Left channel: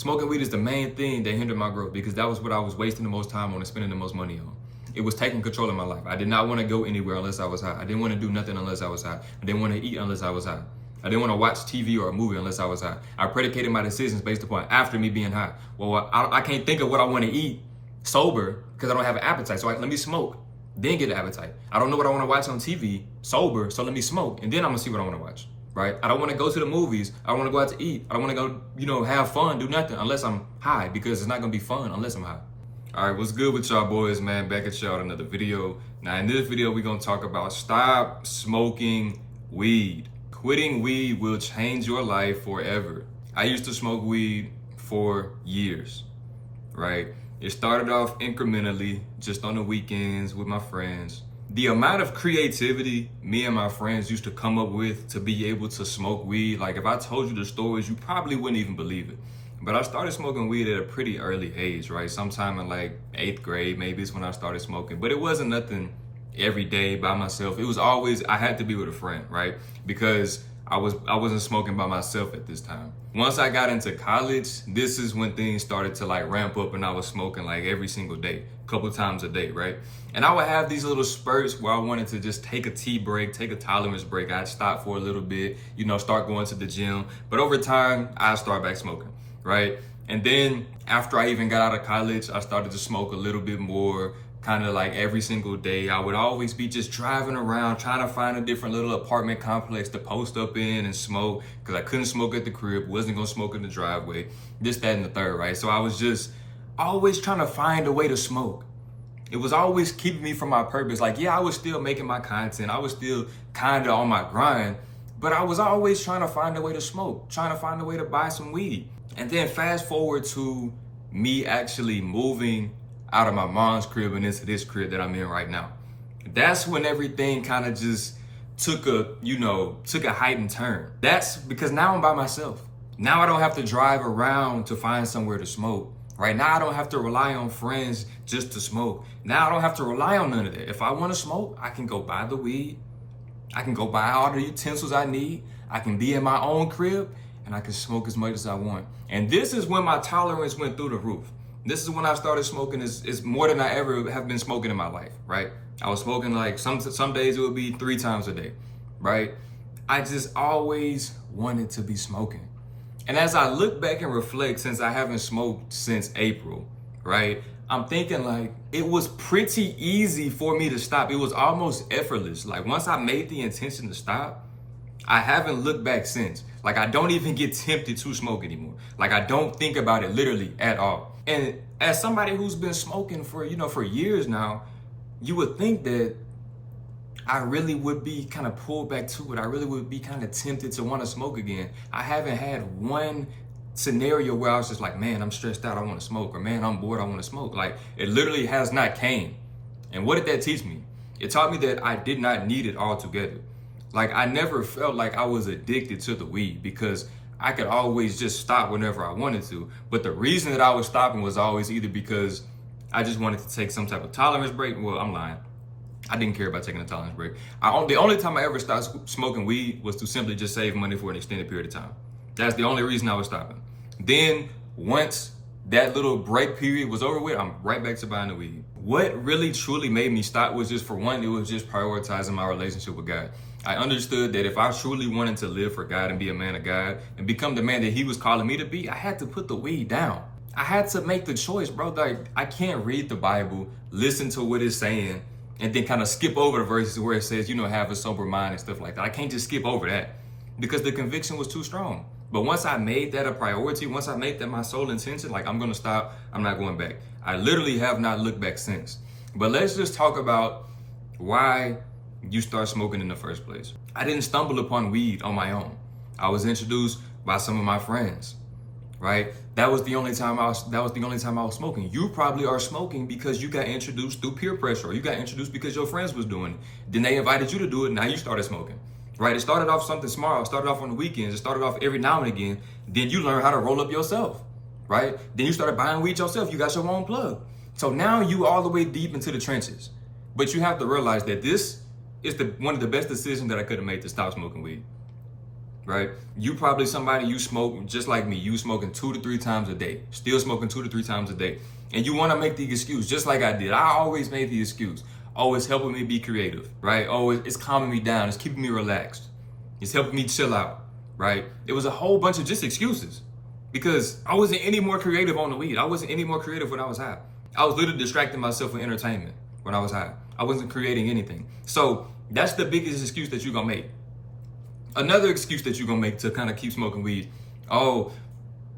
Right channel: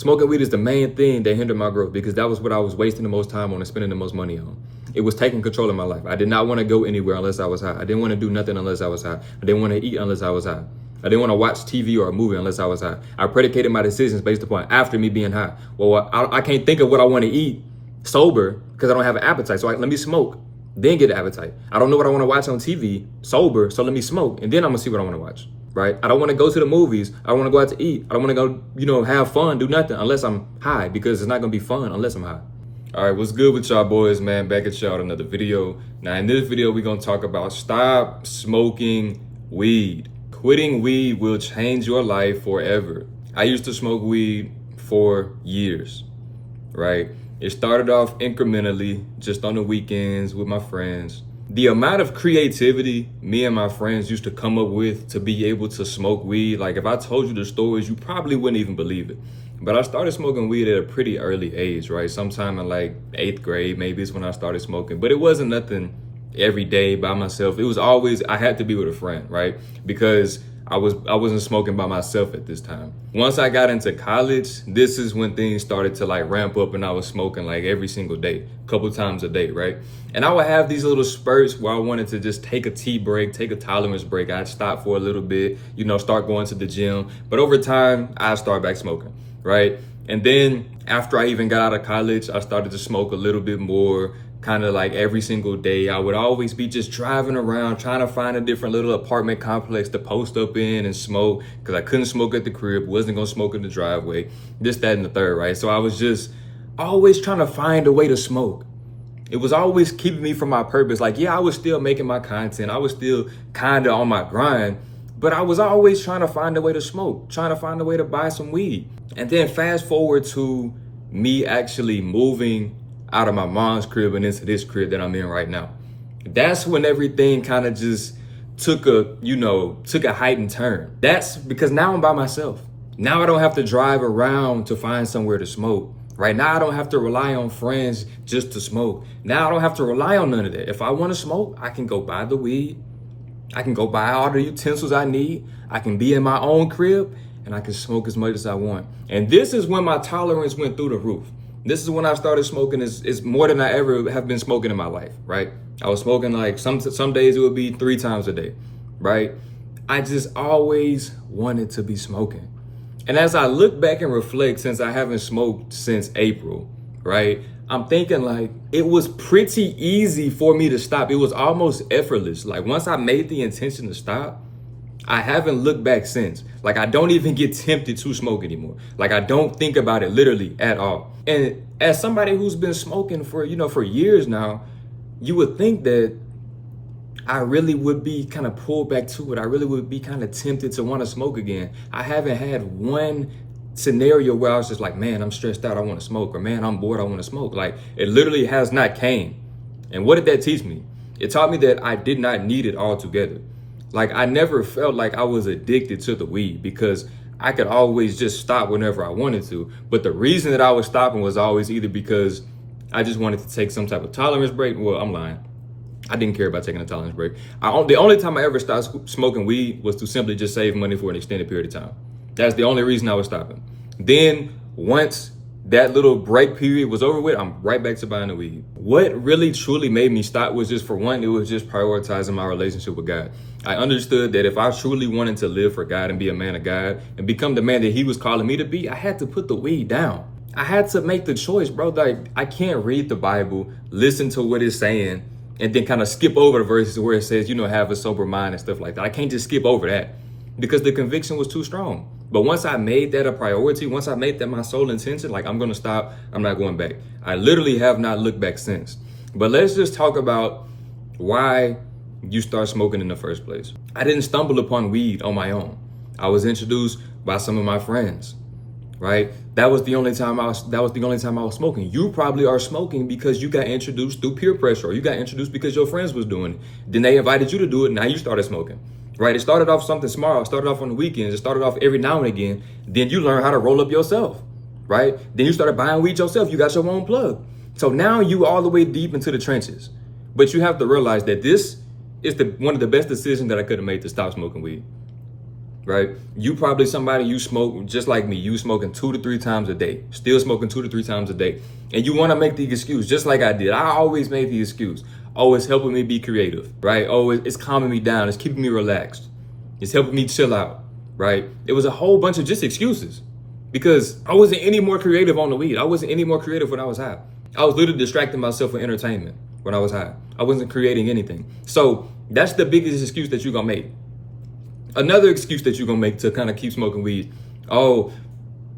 Smoking weed is the main thing that hindered my growth because that was what I was wasting the most time on and spending the most money on. It was taking control of my life. I did not want to go anywhere unless I was high. I didn't want to do nothing unless I was high. I didn't want to eat unless I was high. I didn't want to watch TV or a movie unless I was high. I predicated my decisions based upon after me being high. Well, I can't think of what I want to eat sober because I don't have an appetite. So let me smoke, then get an appetite. I don't know what I want to watch on TV sober, so let me smoke, and then I'm going to see what I want to watch, right? I don't want to go to the movies. I don't want to go out to eat. I don't want to go, have fun, do nothing unless I'm high because it's not going to be fun unless I'm high. All right, what's good with y'all boys, man? Back at y'all with another video. Now, in this video, we're going to talk about stop smoking weed. Quitting weed will change your life forever. I used to smoke weed for years, right? It started off incrementally, just on the weekends with my friends. The amount of creativity me and my friends used to come up with to be able to smoke weed, like if I told you the stories, you probably wouldn't even believe it. But I started smoking weed at a pretty early age, right? Sometime in like 8th grade, maybe is when I started smoking. But it wasn't nothing every day by myself. It was always, I had to be with a friend, right? Because I wasn't smoking by myself at this time. Once I got into college, this is when things started to like ramp up and I was smoking like every single day, a couple times a day, right? And I would have these little spurts where I wanted to just take a tea break, take a tolerance break. I'd stop for a little bit, start going to the gym. But over time, I'd start back smoking, right? And then after I even got out of college, I started to smoke a little bit more, kind of like every single day. I would always be just driving around trying to find a different little apartment complex to post up in and smoke because I couldn't smoke at the crib, wasn't gonna smoke in the driveway, this, that, and the third, right? So I was just always trying to find a way to smoke. It was always keeping me from my purpose. Like, yeah, I was still making my content. I was still kind of on my grind, but I was always trying to find a way to smoke, trying to find a way to buy some weed. And then fast forward to me actually moving out of my mom's crib and into this crib that I'm in right now. That's when everything kind of just took a heightened turn. That's because now I'm by myself. Now I don't have to drive around to find somewhere to smoke. Right now I don't have to rely on friends just to smoke. Now I don't have to rely on none of that. If I want to smoke, I can go buy the weed. I can go buy all the utensils I need. I can be in my own crib and I can smoke as much as I want. And this is when my tolerance went through the roof. This is when I started smoking. It's more than I ever have been smoking in my life, right? I was smoking like some days it would be 3 times a day, right? I just always wanted to be smoking. And as I look back and reflect, since I haven't smoked since April, right? I'm thinking like it was pretty easy for me to stop. It was almost effortless. Like once I made the intention to stop, I haven't looked back since. Like I don't even get tempted to smoke anymore. Like I don't think about it literally at all. And as somebody who's been smoking for years now, you would think that I really would be kind of pulled back to it. I really would be kind of tempted to want to smoke again. I haven't had one scenario where I was just like, man, I'm stressed out, I want to smoke, or man, I'm bored, I want to smoke. Like it literally has not came. And what did that teach me? It taught me that I did not need it altogether. Like I never felt like I was addicted to the weed because I could always just stop whenever I wanted to. But the reason that I was stopping was always either because I just wanted to take some type of tolerance break. Well, I'm lying. I didn't care about taking a tolerance break. The only time I ever stopped smoking weed was to simply just save money for an extended period of time. That's the only reason I was stopping. Then once that little break period was over with, I'm right back to buying the weed. What really truly made me stop was just, for one, it was just prioritizing my relationship with God. I understood that if I truly wanted to live for God and be a man of God and become the man that he was calling me to be, I had to put the weed down. I had to make the choice, bro. Like I can't read the Bible, listen to what it's saying, and then kind of skip over the verses where it says, have a sober mind and stuff like that. I can't just skip over that because the conviction was too strong. But once I made that a priority, once I made that my sole intention, like I'm going to stop, I'm not going back. I literally have not looked back since. But let's just talk about why you start smoking in the first place. I didn't stumble upon weed on my own. I was introduced by some of my friends, right? That was the only time I was smoking. You probably are smoking because you got introduced through peer pressure, or you got introduced because your friends was doing it. Then they invited you to do it. Now you started smoking, right? It started off something small. It started off on the weekends. It started off every now and again. Then you learn how to roll up yourself, right? Then you started buying weed yourself. You got your own plug. So now you all the way deep into the trenches. But you have to realize that this is one of the best decisions that I could have made to stop smoking weed. right? You probably somebody you smoke just like me. You smoking 2 to 3 times a day, still smoking 2 to 3 times a day. And you want to make the excuse just like I did. I always made the excuse. Oh, it's helping me be creative, right? Oh, it's calming me down. It's keeping me relaxed. It's helping me chill out, right? It was a whole bunch of just excuses because I wasn't any more creative on the weed. I wasn't any more creative when I was high. I was literally distracting myself with entertainment when I was high. I wasn't creating anything. So that's the biggest excuse that you're going to make. Another excuse that you're going to make to kind of keep smoking weed. Oh,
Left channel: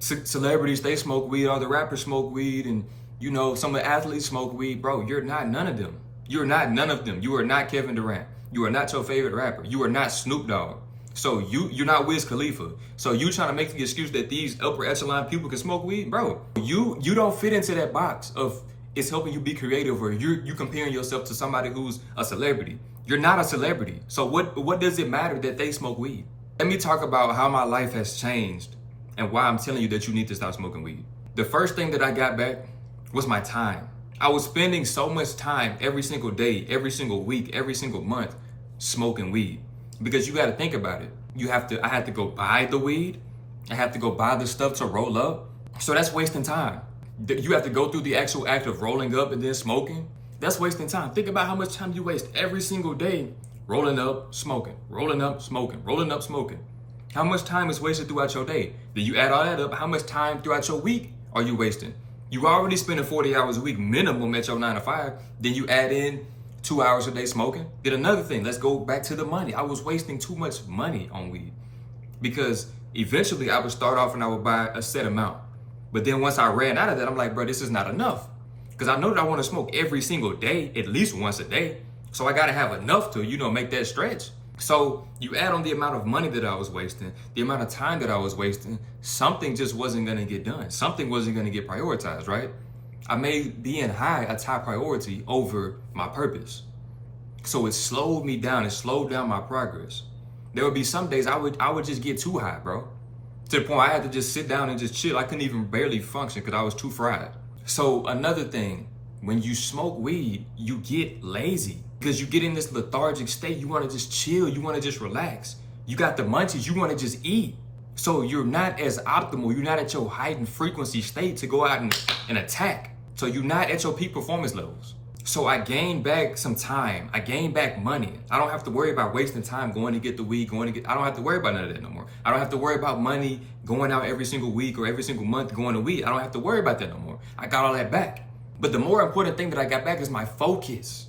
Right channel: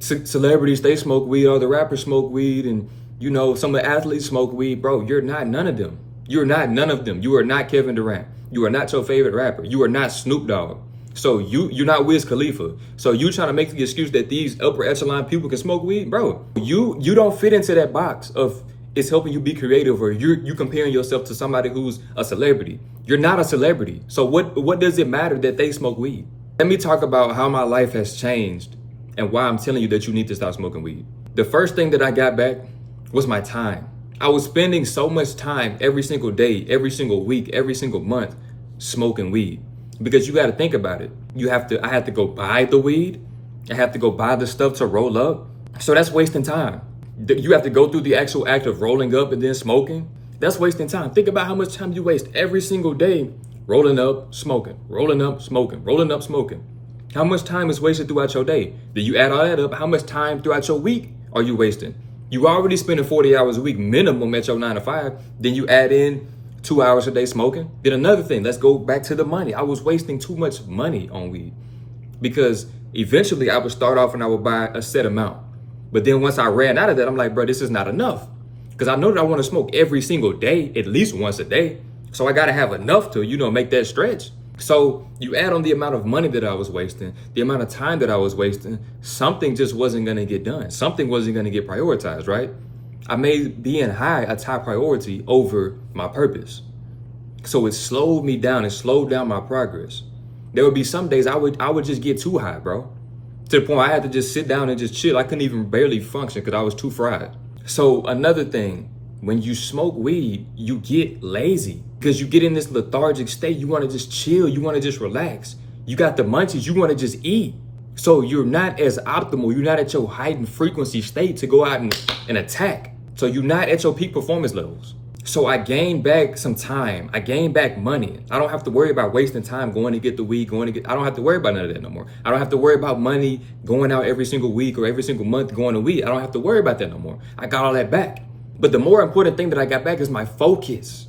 celebrities, they smoke weed. All the rappers smoke weed. And, you know, some of the athletes smoke weed. Bro, you're not none of them. You're not none of them. You are not Kevin Durant. You are not your favorite rapper. You are not Snoop Dogg. So you're not Wiz Khalifa. So you trying to make the excuse that these upper echelon people can smoke weed? Bro, you don't fit into that box of it's helping you be creative, or you comparing yourself to somebody who's a celebrity. You're not a celebrity. So what does it matter that they smoke weed? Let me talk about how my life has changed and why I'm telling you that you need to stop smoking weed. The first thing that I got back was my time. I was spending so much time every single day, every single week, every single month smoking weed. Because you got to think about it. I had to go buy the weed. I have to go buy the stuff to roll up. So that's wasting time. You have to go through the actual act of rolling up and then smoking. That's wasting time. Think about how much time you waste every single day rolling up, smoking, rolling up, smoking, rolling up, smoking. How much time is wasted throughout your day? Then you add all that up. How much time throughout your week are you wasting? You already spending 40 hours a week minimum at your 9 to 5. Then you add in 2 hours a day smoking. Then another thing, let's go back to the money. I was wasting too much money on weed because eventually I would start off and I would buy a set amount. But then once I ran out of that, I'm like, bro, this is not enough. Because I know that I want to smoke every single day, at least once a day. So I got to have enough to, make that stretch. So you add on the amount of money that I was wasting, the amount of time that I was wasting, something just wasn't going to get done. Something wasn't going to get prioritized, right? I made being high a top priority over my purpose. So it slowed me down. It slowed down my progress. There would be some days I would just get too high, bro. To the point I had to just sit down and just chill. I couldn't even barely function because I was too fried. So another thing, when you smoke weed, you get lazy because you get in this lethargic state. You want to just chill. You want to just relax. You got the munchies. You want to just eat. So you're not as optimal. You're not at your heightened frequency state to go out and attack. So you're not at your peak performance levels. So I gained back some time. I gained back money. I don't have to worry about wasting time going to get the weed, I don't have to worry about none of that no more. I don't have to worry about money going out every single week or every single month going to weed. I don't have to worry about that no more. I got all that back. But the more important thing that I got back is my focus.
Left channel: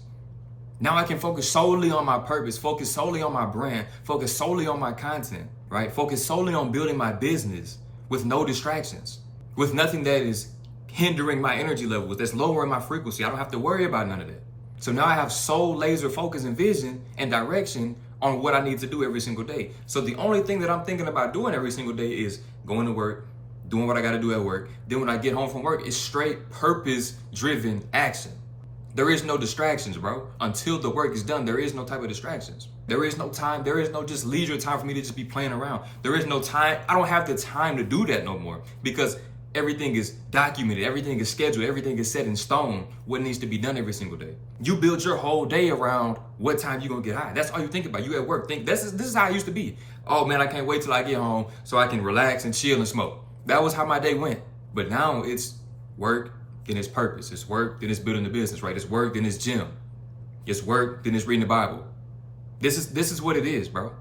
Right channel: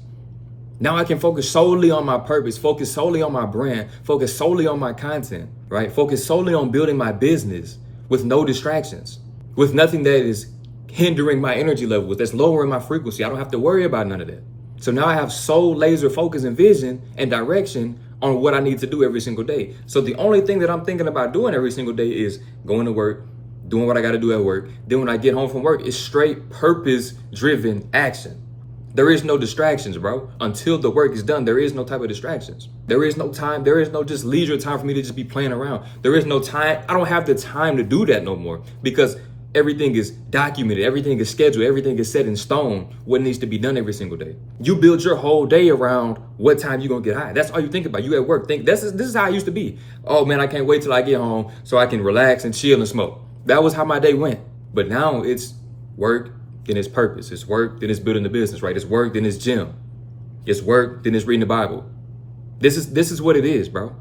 Now I can focus solely on my purpose, focus solely on my brand, focus solely on my content, right? Focus solely on building my business with no distractions, with nothing that is hindering my energy level, that's lowering my frequency. I don't have to worry about none of that. So now I have sole laser focus and vision and direction on what I need to do every single day. So the only thing that I'm thinking about doing every single day is going to work, doing what I got to do at work. Then when I get home from work, it's straight purpose-driven action. There is no distractions, bro. Until the work is done, there is no type of distractions. There is no time. There is no just leisure time for me to just be playing around. There is no time. I don't have the time to do that no more because everything is documented, everything is scheduled, everything is set in stone, what needs to be done every single day. You build your whole day around what time you're gonna get high. That's all you think about. You at work, this is how I used to be. Oh man, I can't wait till I get home so I can relax and chill and smoke. That was how my day went. But now it's work, then it's purpose. It's work, then it's building the business, right? It's work, then it's gym. It's work, then it's reading the Bible. This is what it is, bro.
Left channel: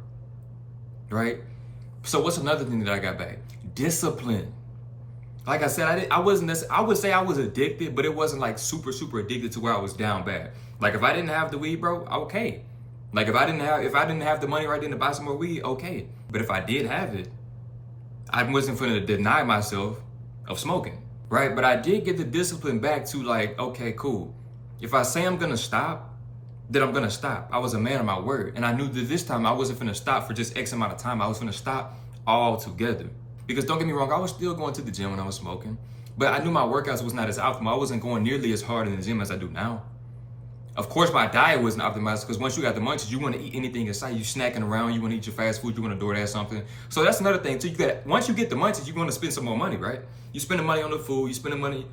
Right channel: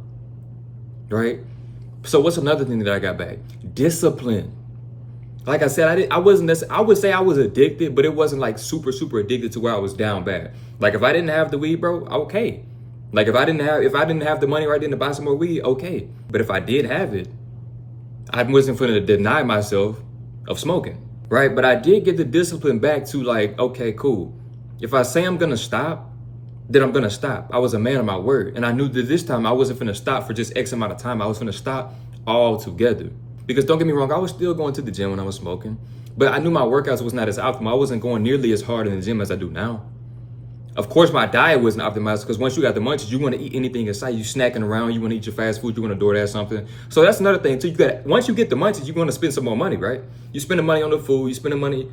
Right? So what's another thing that I got back? Discipline. Like I said, I would say I was addicted, but it wasn't like super addicted to where I was down bad. Like if I didn't have the weed, bro, okay. Like if I didn't have the money right then to buy some more weed, okay. But if I did have it, I wasn't going to deny myself of smoking, right? But I did get the discipline back to like, okay, cool. If I say I'm going to stop, then I'm going to stop. I was a man of my word. And I knew that this time I wasn't going to stop for just X amount of time. I was going to stop altogether. Because don't get me wrong, I was still going to the gym when I was smoking, but I knew my workouts was not as optimal. I wasn't going nearly as hard in the gym as I do now. Of course, my diet wasn't optimized because once you got the munchies, you want to eat anything in sight. You snacking around, you want to eat your fast food, you want to DoorDash something. So that's another thing too. Once you get the munchies, you're going to spend some more money, right? You spending money on the food, you spending money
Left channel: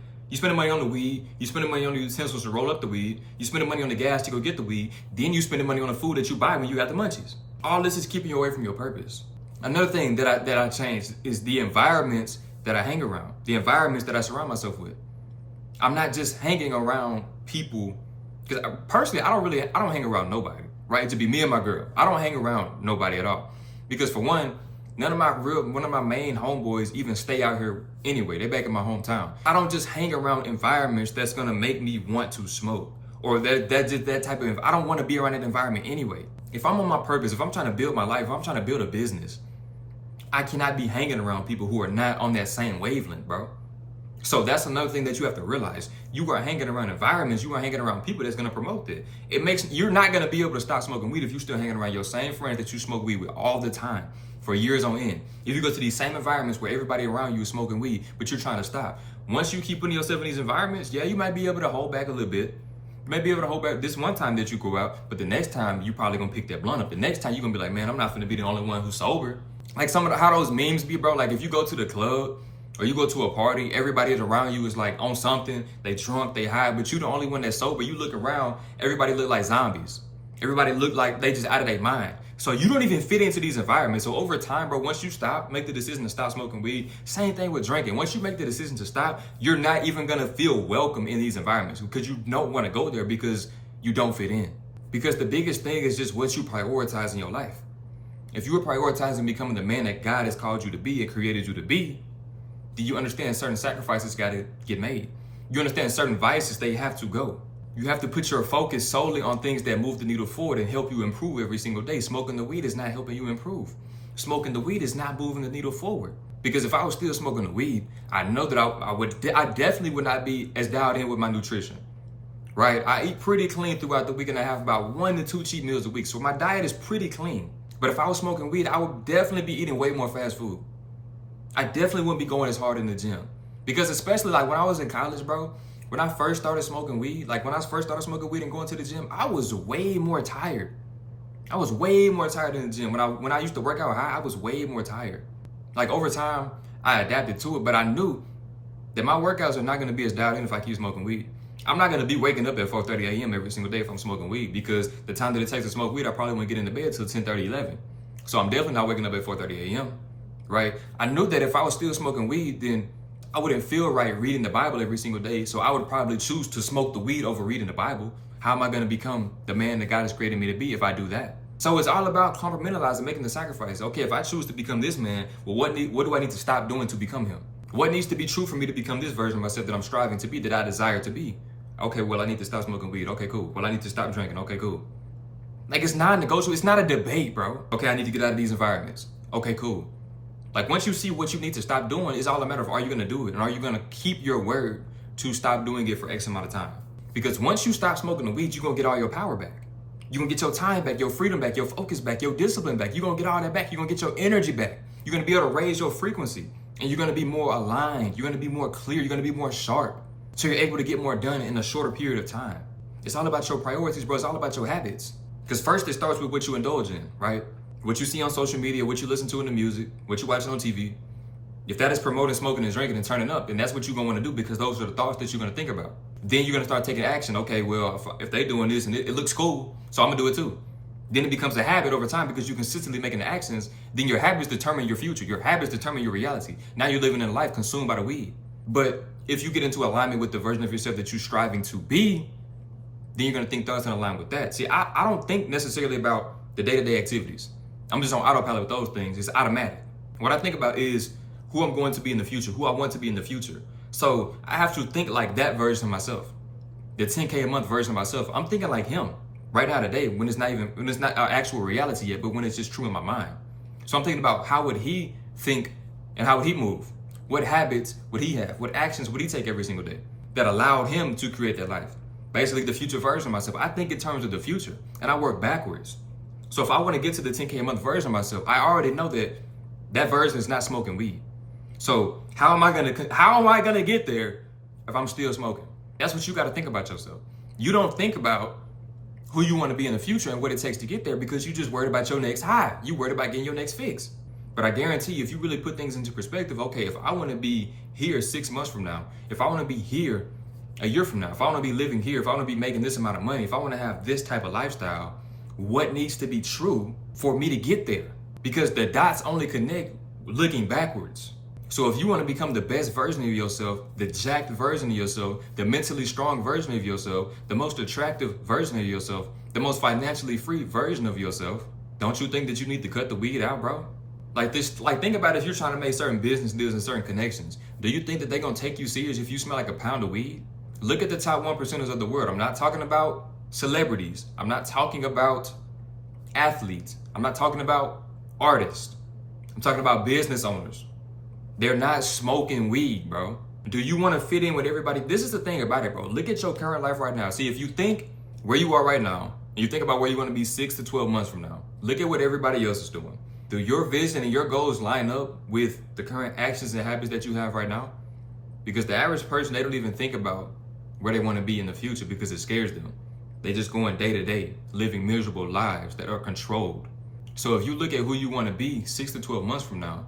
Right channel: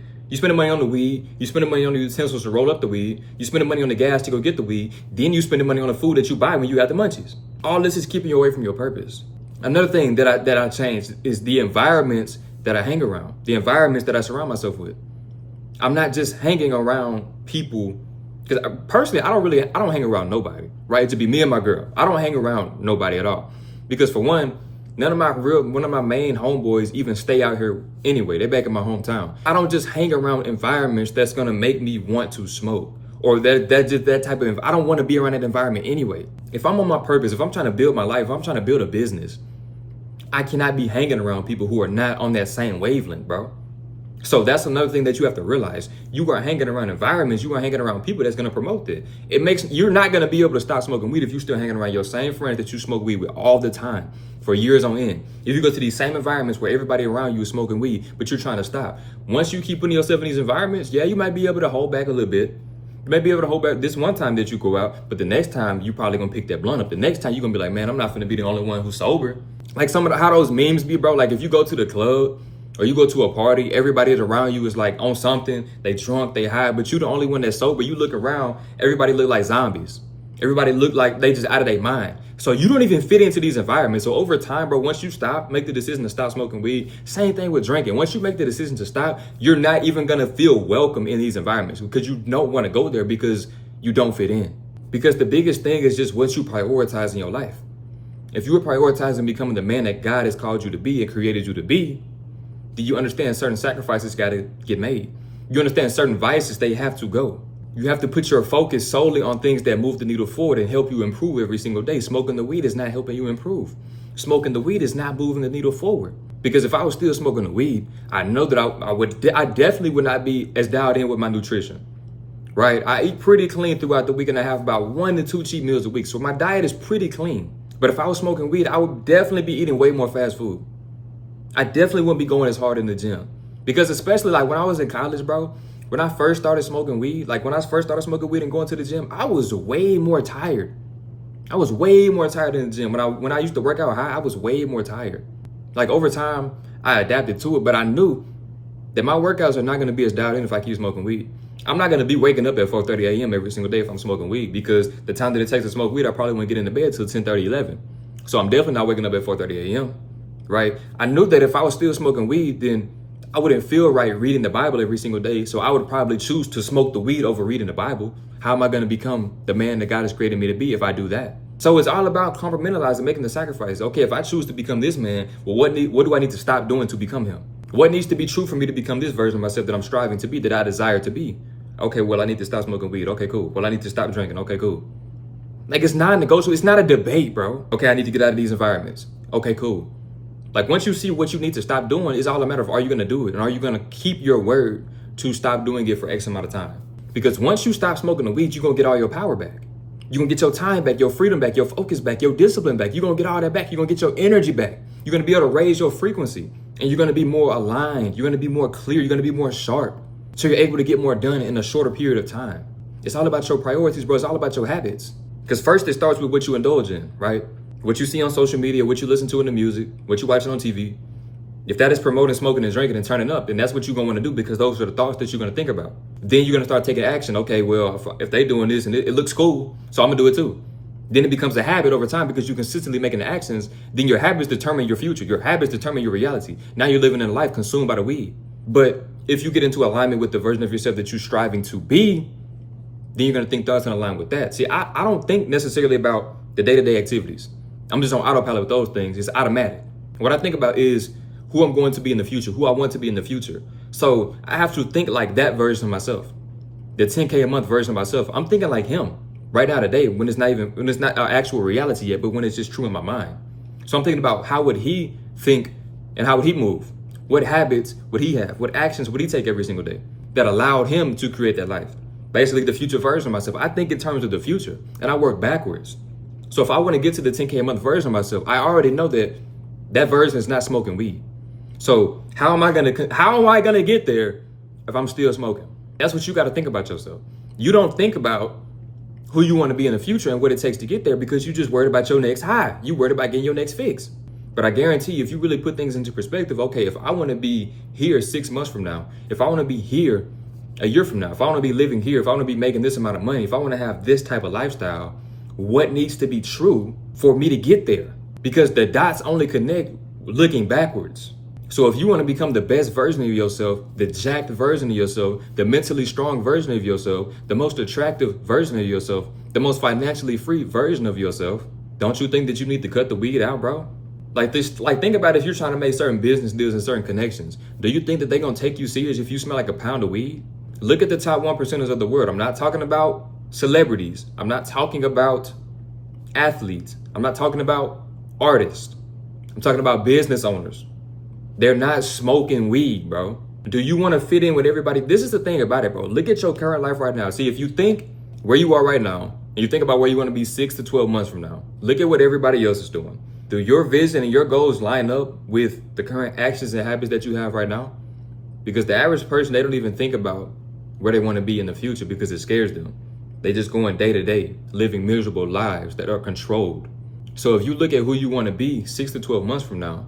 on the weed, you spending money on the utensils to roll up the weed, you spending money on the gas to go get the weed, then you spending money on the food that you buy when you got the munchies. All this is keeping you away from your purpose. Another thing that I changed is the environments that I hang around, the environments that I surround myself with. I'm not just hanging around people because personally, I don't hang around nobody, right? To be me and my girl, I don't hang around nobody at all. Because for one of my main homeboys even stay out here anyway. They're back in my hometown. I don't just hang around environments that's gonna make me want to smoke or that type of, I don't want to be around that environment anyway. If I'm on my purpose, if I'm trying to build my life, if I'm trying to build a business, I cannot be hanging around people who are not on that same wavelength, bro. So that's another thing that you have to realize. You are hanging around environments, you are hanging around people that's gonna promote it. You're not gonna be able to stop smoking weed if you're still hanging around your same friends that you smoke weed with all the time for years on end. If you go to these same environments where everybody around you is smoking weed, but you're trying to stop. Once you keep putting yourself in these environments, yeah, you might be able to hold back a little bit. You may be able to hold back this one time that you go out, but the next time you probably gonna pick that blunt up. The next time you're gonna be like, man, I'm not gonna be the only one who's sober. Like how those memes be, bro. Like if you go to the club or you go to a party, everybody is around you is like on something, they drunk, they high, but you the only one that's sober. You look around, everybody look like zombies. Everybody look like they just out of their mind. So you don't even fit into these environments. So over time, bro, once you make the decision to stop smoking weed, same thing with drinking. Once you make the decision to stop, you're not even gonna feel welcome in these environments because you don't wanna go there because you don't fit in. Because the biggest thing is just what you prioritize in your life. If you are prioritizing becoming the man that God has called you to be and created you to be, do you understand certain sacrifices got to get made? You understand certain vices, they have to go. You have to put your focus solely on things that move the needle forward and help you improve every single day. Smoking the weed is not helping you improve. Smoking the weed is not moving the needle forward. Because if I was still smoking the weed, I know that I definitely would not be as dialed in with my nutrition, right? I eat pretty clean throughout the week and I have about 1 to 2 cheat meals a week. So my diet is pretty clean. But if I was smoking weed, I would definitely be eating way more fast food. I definitely wouldn't be going as hard in the gym. Because especially like when I was in college, bro, when I first started smoking weed, and going to the gym, I was way more tired. I was way more tired in the gym. When I used to work out high, I was way more tired. Like over time, I adapted to it, but I knew that my workouts are not going to be as dialed in if I keep smoking weed. I'm not going to be waking up at 4:30 a.m. every single day if I'm smoking weed because the time that it takes to smoke weed, I probably won't get into bed till 10:30, 11. So I'm definitely not waking up at 4:30 a.m., right? I knew that if I was still smoking weed, then I wouldn't feel right reading the Bible every single day. So I would probably choose to smoke the weed over reading the Bible. How am I going to become the man that God has created me to be if I do that? So it's all about compartmentalizing, making the sacrifice. Okay, if I choose to become this man, well, what do I need to stop doing to become him? What needs to be true for me to become this version of myself that I'm striving to be, that I desire to be? Okay, well, I need to stop smoking weed. Okay, cool. Well, I need to stop drinking. Okay, cool. Like, it's non-negotiable. It's not a debate, bro. Okay, I need to get out of these environments. Okay, cool. Like, once you see what you need to stop doing, it's all a matter of, are you going to do it? And are you going to keep your word to stop doing it for X amount of time? Because once you stop smoking the weed, you're going to get all your power back. You're going to get your time back, your freedom back, your focus back, your discipline back. You're going to get all that back. You're going to get your energy back. You're going to be able to raise your frequency. And you're going to be more aligned. You're going to be more clear. You're going to be more sharp. So you're able to get more done in a shorter period of time. It's all about your priorities, bro. It's all about your habits. Because first it starts with what you indulge in, right? What you see on social media, what you listen to in the music, what you're watching on TV. If that is promoting smoking and drinking and turning up, then that's what you're going to want to do because those are the thoughts that you're going to think about. Then you're going to start taking action. Okay, well, if they're doing this and it looks cool, so I'm going to do it too. Then it becomes a habit over time because you're consistently making the actions. Then your habits determine your future. Your habits determine your reality. Now you're living in a life consumed by the weed. But if you get into alignment with the version of yourself that you're striving to be, then you're going to think thoughts in line with that. See, I don't think necessarily about the day-to-day activities. I'm just on autopilot with those things. It's automatic. What I think about is who I'm going to be in the future, who I want to be in the future. So I have to think like that version of myself, the 10K a month version of myself. I'm thinking like him right now today when it's not our actual reality yet, but when it's just true in my mind. So I'm thinking about how would he think and how would he move? What habits would he have? What actions would he take every single day that allowed him to create that life? Basically the future version of myself. I think in terms of the future and I work backwards. So if I want to get to the 10K a month version of myself, I already know that that version is not smoking weed. So how am I gonna get there if I'm still smoking? That's what you got to think about yourself. You don't think about who you want to be in the future and what it takes to get there because you just worried about your next high. You worried about getting your next fix. But I guarantee you, if you really put things into perspective, okay, if I want to be here 6 months from now, if I want to be here a year from now, if I want to be living here, if I want to be making this amount of money, if I want to have this type of lifestyle, what needs to be true for me to get there? because the dots only connect looking backwards. So if you want to become the best version of yourself, the jacked version of yourself, the mentally strong version of yourself, the most attractive version of yourself, the most financially free version of yourself, don't you think that you need to cut the weed out, bro? Like this, like think about if you're trying to make certain business deals and certain connections. Do you think that they're gonna take you serious if you smell like a pound of weed? Look at the top 1%ers of the world. I'm not talking about celebrities. I'm not talking about athletes. I'm not talking about artists. I'm talking about business owners. They're not smoking weed, bro. Do you want to fit in with everybody? This is the thing about it, bro. Look at your current life right now. See, if you think where you are right now, and you think about where you want to be 6 to 12 months from now, look at what everybody else is doing. Do your vision and your goals line up with the current actions and habits that you have right now? Because the average person, they don't even think about where they want to be in the future because it scares them. They just going day to day, living miserable lives that are controlled. So if you look at who you want to be 6 to 12 months from now,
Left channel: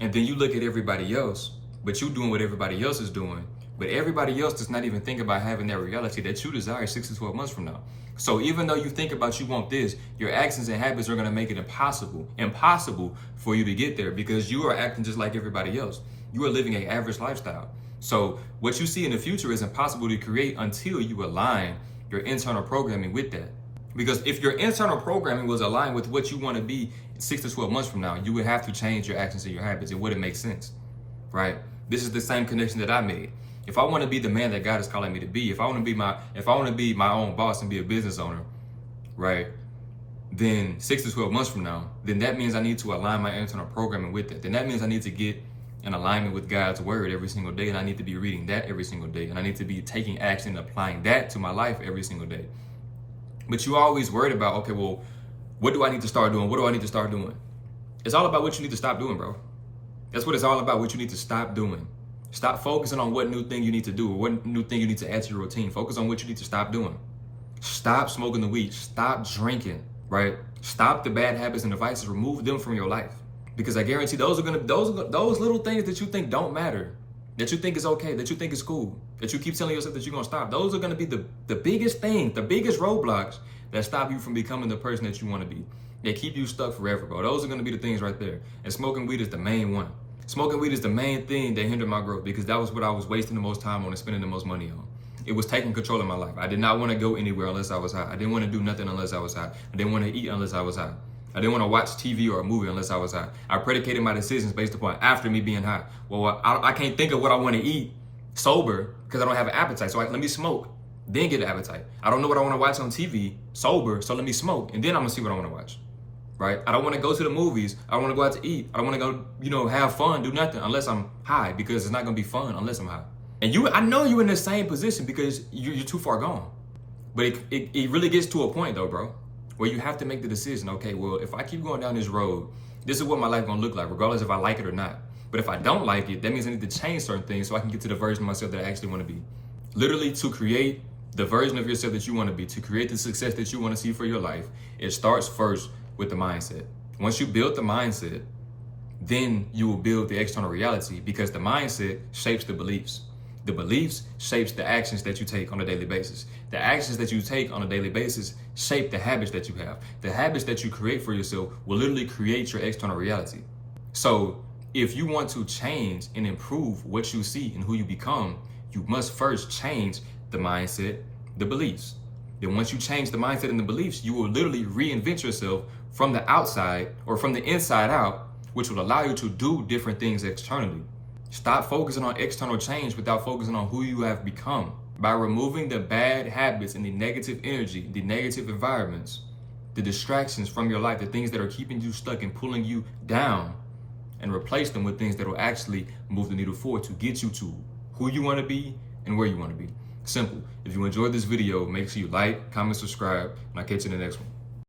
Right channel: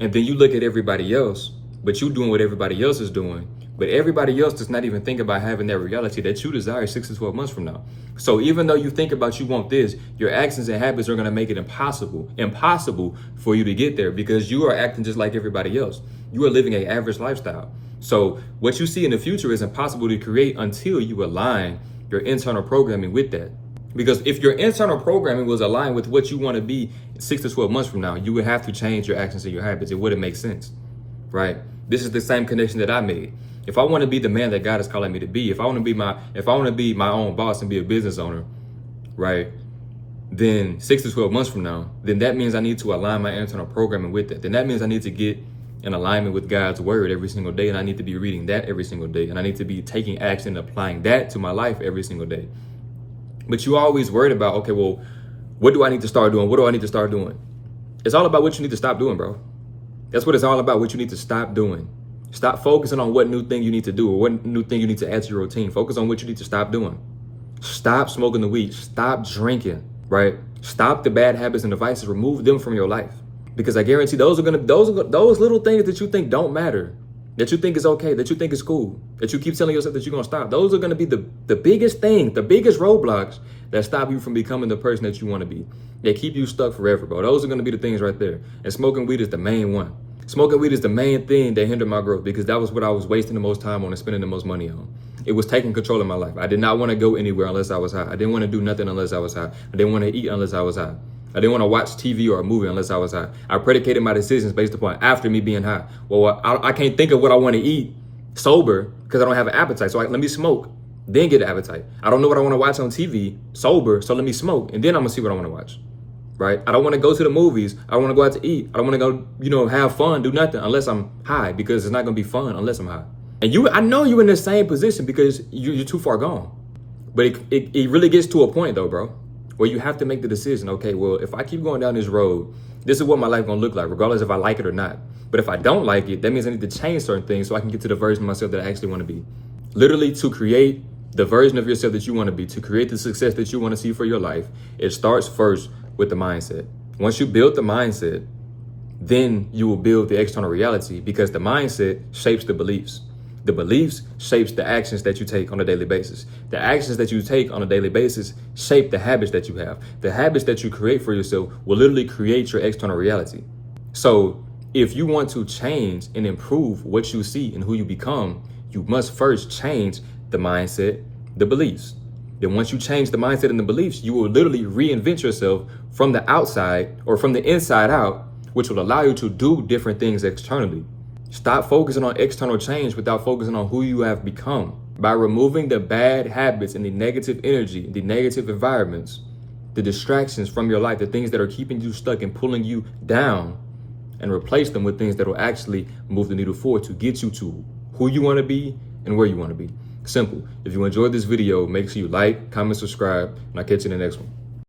and then you look at everybody else, but you doing what everybody else is doing, but everybody else does not even think about having that reality that you desire 6 to 12 months from now. So even though you think about you want this, your actions and habits are going to make it impossible for you to get there because you are acting just like everybody else. You are living an average lifestyle. So what you see in the future is impossible to create until you align your internal programming with that. Because if your internal programming was aligned with what you want to be 6 to 12 months from now, you would have to change your actions and your habits. It wouldn't make sense, right? This is the same connection that I made. If I want to be the man that God is calling me to be, if I want to be my own boss and be a business owner, right? Then 6 to 12 months from now, then that means I need to align my internal programming with that. Then that means I need to get in alignment with God's word every single day, and I need to be reading that every single day, and I need to be taking action and applying that to my life every single day. But you always worried about, okay, well, what do I need to start doing? What do I need to start doing? It's all about what you need to stop doing, bro. That's what it's all about, what you need to stop doing. Stop focusing on what new thing you need to do or what new thing you need to add to your routine. Focus on what you need to stop doing. Stop smoking the weed. Stop drinking, right? Stop the bad habits and devices. Remove them from your life. Because I guarantee those little things that you think don't matter, that you think is okay, that you think is cool, that you keep telling yourself that you're gonna stop. Those are gonna be the biggest thing, the biggest roadblocks that stop you from becoming the person that you wanna be. They keep you stuck forever, bro. Those are gonna be the things right there. And smoking weed is the main one. Smoking weed is the main thing that hindered my growth because that was what I was wasting the most time on and spending the most money on. It was taking control of my life. I did not want to go anywhere unless I was high. I didn't want to do nothing unless I was high. I didn't want to eat unless I was high. I didn't want to watch TV or a movie unless I was high. I predicated my decisions based upon after me being high. Well, I can't think of what I want to eat sober because I don't have an appetite. So let me smoke, then get an appetite. I don't know what I want to watch on TV sober, so let me smoke, and then I'm going to see what I want to watch. Right? I don't want to go to the movies. I don't want to go out to eat. I don't want to go, have fun, do nothing unless I'm high because it's not going to be fun unless I'm high. And I know you're in the same position because you're too far gone. But it really gets to a point though, bro, where you have to make the decision. Okay, well, if I keep going down this road, this is what my life going to look like, regardless if I like it or not. But if I don't like it, that means I need to change certain things so I can get to the version of myself that I actually want to be. Literally, to create the version of yourself that you want to be, to create the success that you want to see for your life, it starts first with the mindset. Once you build the mindset, then you will build the external reality because the mindset shapes the beliefs. The beliefs shapes the actions that you take on a daily basis. The actions that you take on a daily basis shape the habits that you have. The habits that you create for yourself will literally create your external reality. So if you want to change and improve what you see and who you become, you must first change the mindset, the beliefs. Then once you change the mindset and the beliefs, you will literally reinvent yourself from the outside or from the inside out, which will allow you to do different things externally. Stop focusing on external change without focusing on who you have become. By removing the bad habits and the negative energy, the negative environments, the distractions from your life, the things that are keeping you stuck and pulling you down, and replace them with things that will actually move the needle forward to get you to who you want to be and where you want to be. Simple. If you enjoyed this video, make sure you like, comment, subscribe, and I'll catch you in the next one.